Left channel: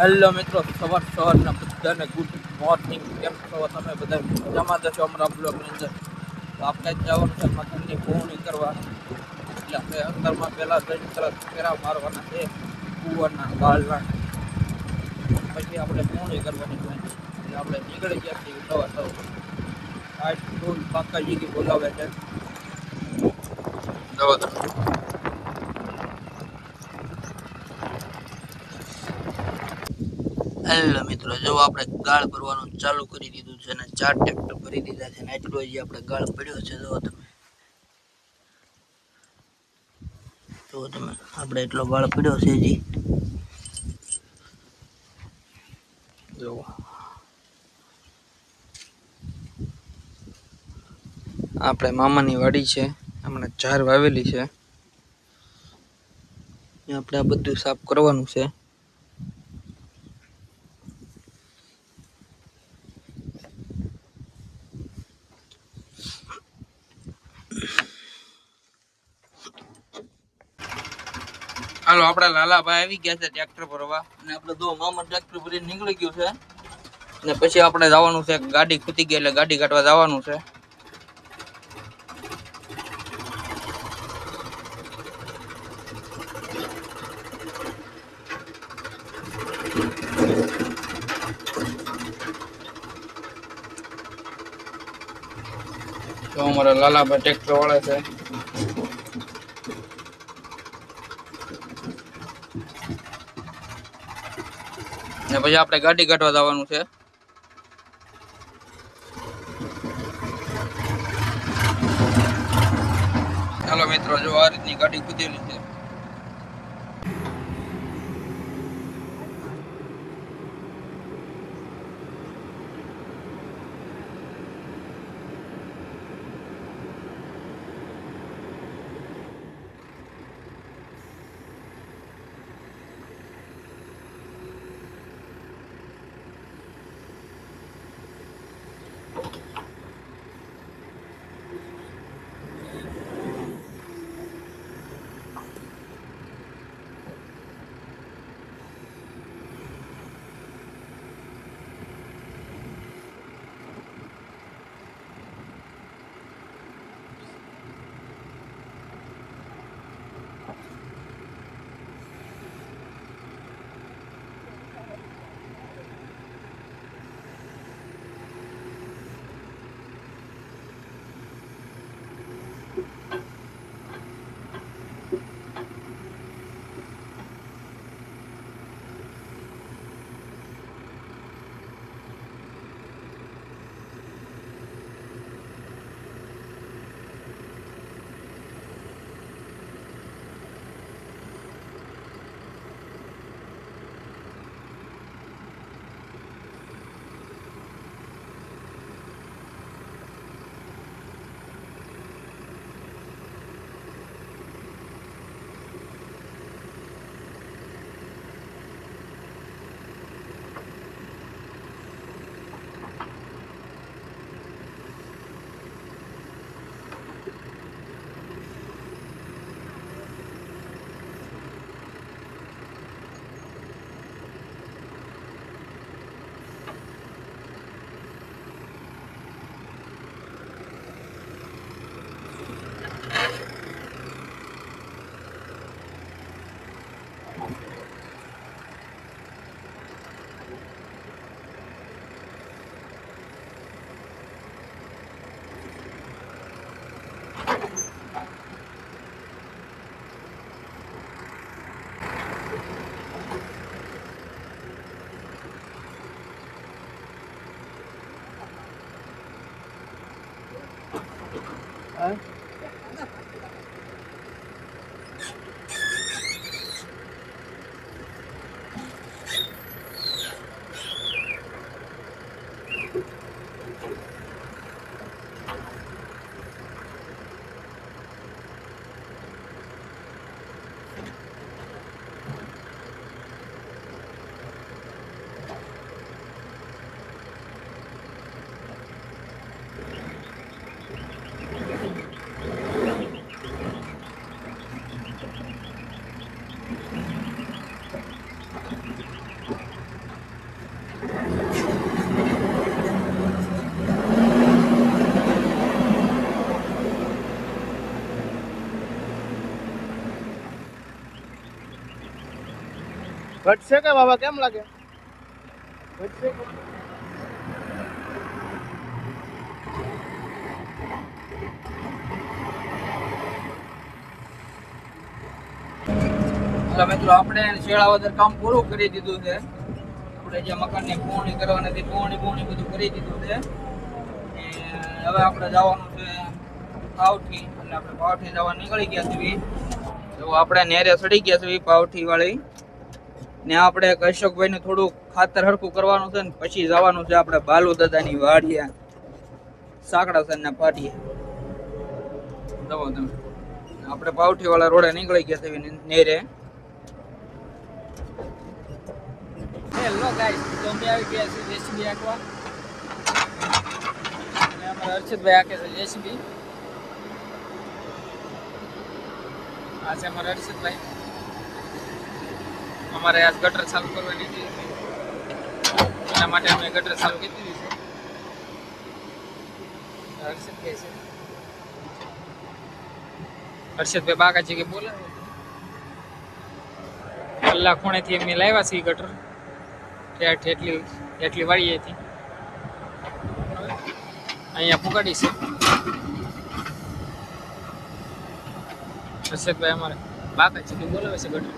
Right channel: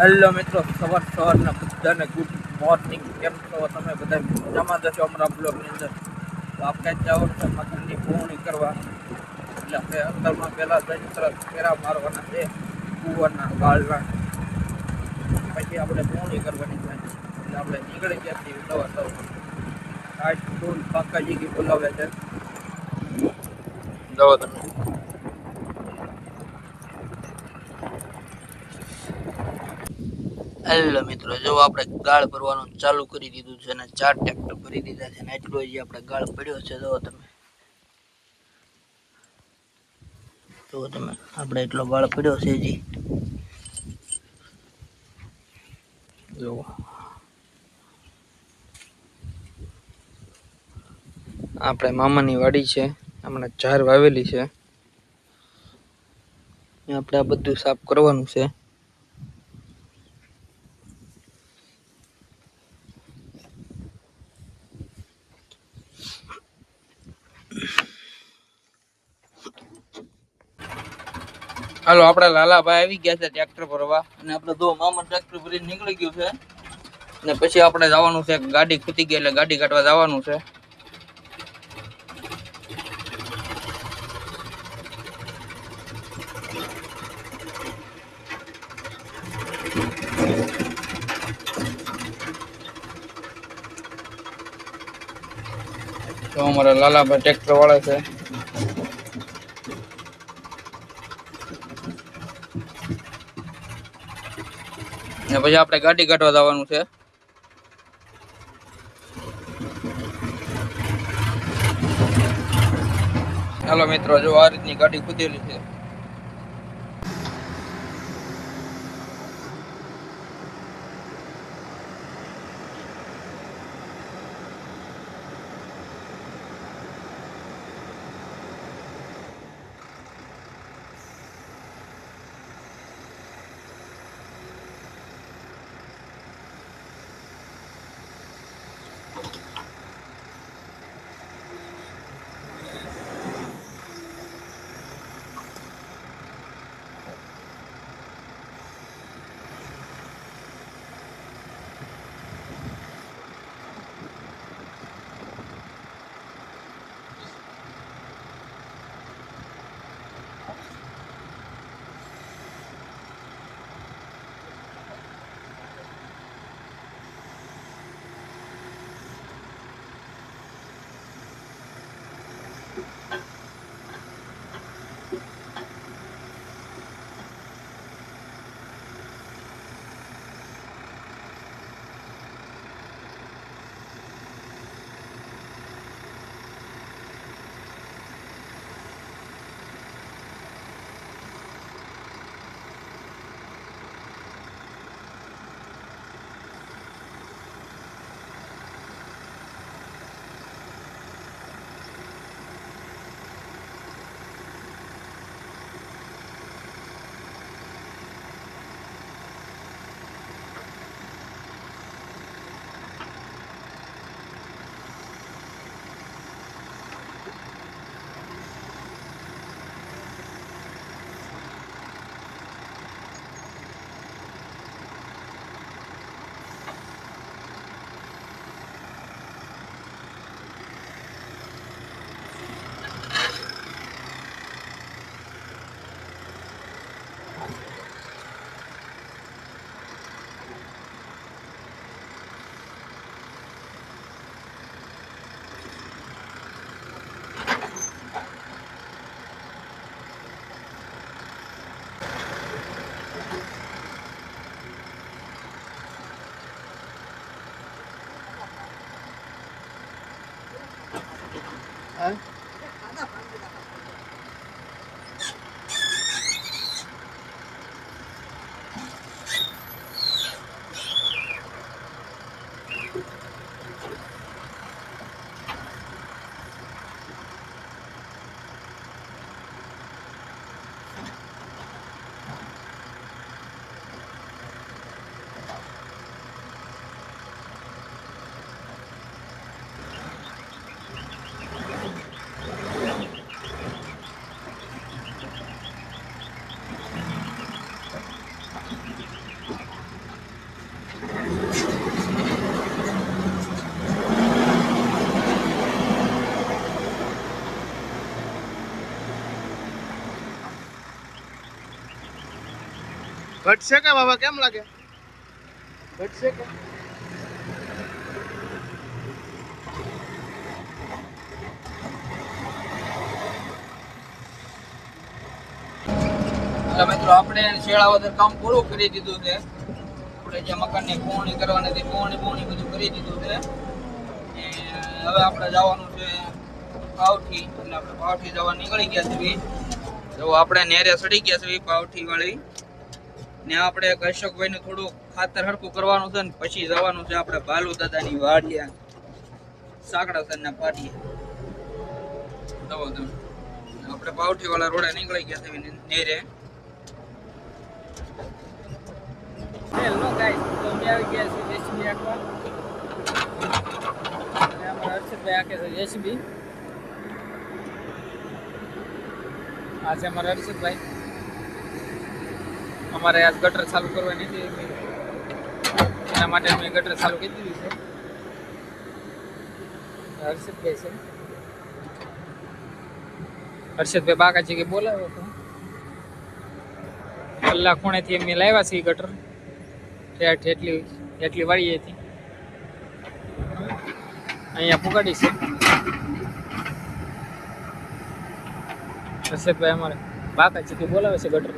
Hello મિત્રો, સવાર સવારના બધાને ગુડ મોર્નિંગ કેમ છો તમે બધા? મજામાં જશો અમારા બ્લોગની અંદર? તો આપણે જવાનું છે મકાનની પૂર્ણી કરવા. એટલે આપણે અંદરમાં પહેલાં જઈને તરત ફેરા મારવાના છે, કુવાના, ગાળના. પછી આપણે પૂર્ણી કરવાની છે. એટલે આપણે નીકળી ગયા છીએ સવાર સવાર. આઠ ટોલ જીગી બોલાવે છે. જવો હેલો મિત્રો, જો આપણે ગાળ ભરવાનું ચાલુ કરી દીધું છે અને ચાર ટ્રેક્ટર ભરી દીધા છે એટલો જે આપણે ગાળ પડ્યો છે, જો તમે. જો તમે, આપણે એટલો ગાળ પડ્યો છે જી જો. આપણે મામાની વાડી છે, હમણાં ઝાર વાવેલી છે. આપણે આ બધું સાફ કરવાનું છે. હાલો આપડા લાલાભાઈ આવી ગયા છે ટ્રેક્ટર ભરવા. અને આપણે દો મામા ટ્રેક્ટર ભરીને નીકળી ગયું છે. ને પછી આપણે જવાનું છે ગાડી ખૂટી ગઈ એટલે ગાડી કાઢવા જવાનું છે. તો અમારા લાલાભાઈ ટ્રેક્ટર વાળા છે. ને પછી આપણે ગાડી કાઢવા જવાનું છે. ચાલો મિત્રો, જો આ રીતની ગાડી કૂદેલી છે. Huh? ઘટશે કે બાબા, કેમ લાગે? ઘટશે કે? મિત્રો, આપણે શેળાવદર કામ પૂરું કરી દીધું છે. આપણે જે મકાનની પોવણી કરવાની હતી પોવણી પૂર્ણી બધું કરી દીધું છે. અને હવે આપણે જવાનું છે પાવઠી. એટલે આપણે પાવઠી જવા નીકળી ગયા છીએ. તો આપણે નેરે સડી ગયા છીએ પાવઠી વાળી ને આપણે કશ્યપભાઈ ને થોડું ખાતર હરખું કરવાનું છે ને પછી જવાનું છે આપણે ભાલુ દાદાની વાડિયા સાંકડા સરના પાટીએ. જવો તમે. આપણે પાવઠી વાળા રોડે નીકળી ગયા નેરે. છે અને હર્ષિતભાઈ આંકે છે જેસીબી આ છે અમારા હર્ષિતભાઈ અમારે આજ ગટર ચાલુ કરવાની હતી. એના માટે અમે ગટર ચાલુ કરી દીધી છે. હર્ષદભાઈ છે. હર્ષદભાઈ બાકાજી કે બોલાવે છે. કલાક ખૂણેથી અમે લાવ્યા છે ગટર. એટલી એટલી વાળી હતી અહીંયા પુગાડી છે. હર્ષદભાઈ અમારે બાકા છે કે બોલાવે છે ગટર.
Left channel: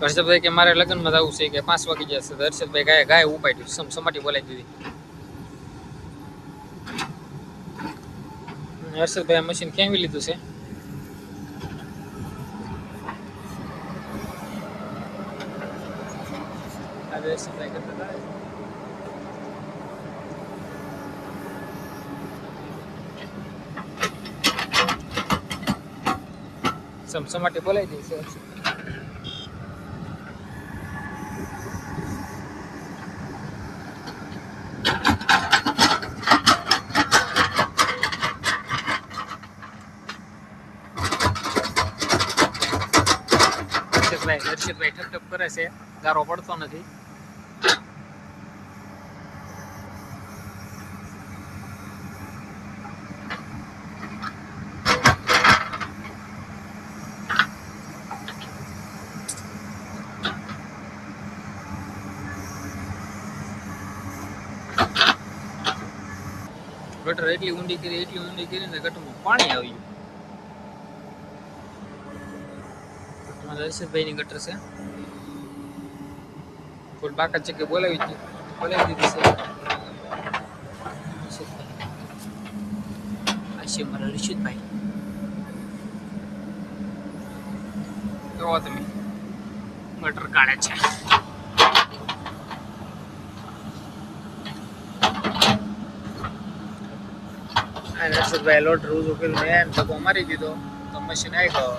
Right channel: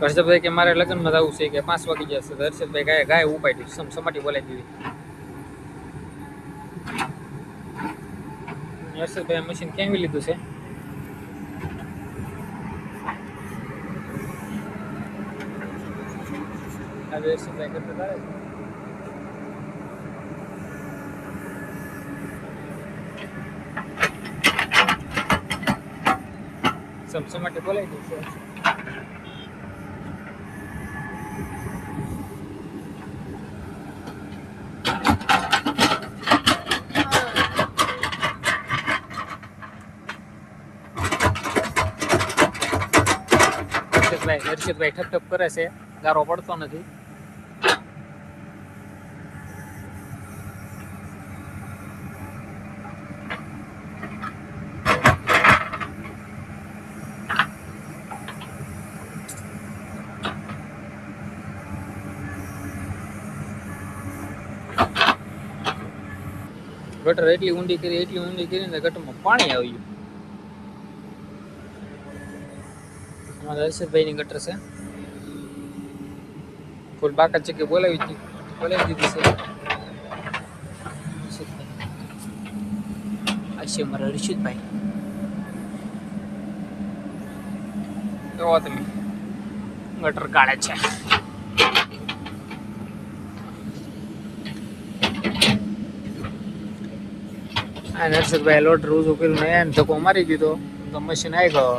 હર્ષદભાઈ કે મારે લગ્નમાં જવું છે કે પાંચ વાગી જશે તો હર્ષદભાઈ ગાય ગાય ઉપાડ્યું, સમ સમાટી બોલાવી દીધી. હર્ષદભાઈ મશીન કેવી લીધું છે? હવે હર્ષદભાઈ કરતા છે. સમસમાટી બોલાવી દે છે હર્ષિતભાઈ હર્ષિતભાઈ ઠપ ઠપ કરે છે ગારો પડતો નથી ગટર એટલી ઊંડી કરી, એટલી ઊંડી કરીને ગટરમાં પાણી આવી ગયું. હર્ષદભાઈ ની ગટર છે. ફૂલ બાકા છે કે બોલાવી દીધી બોલાવી દીધી છે. આ છે અમારા હર્ષદભાઈ. જોવો તમે? ગટર કાઢે છે. અને હર્ષદભાઈ લોટ રોજ ઉકેલ એને ધક્કો મારી દીધો તો મશીન આવી ગયો.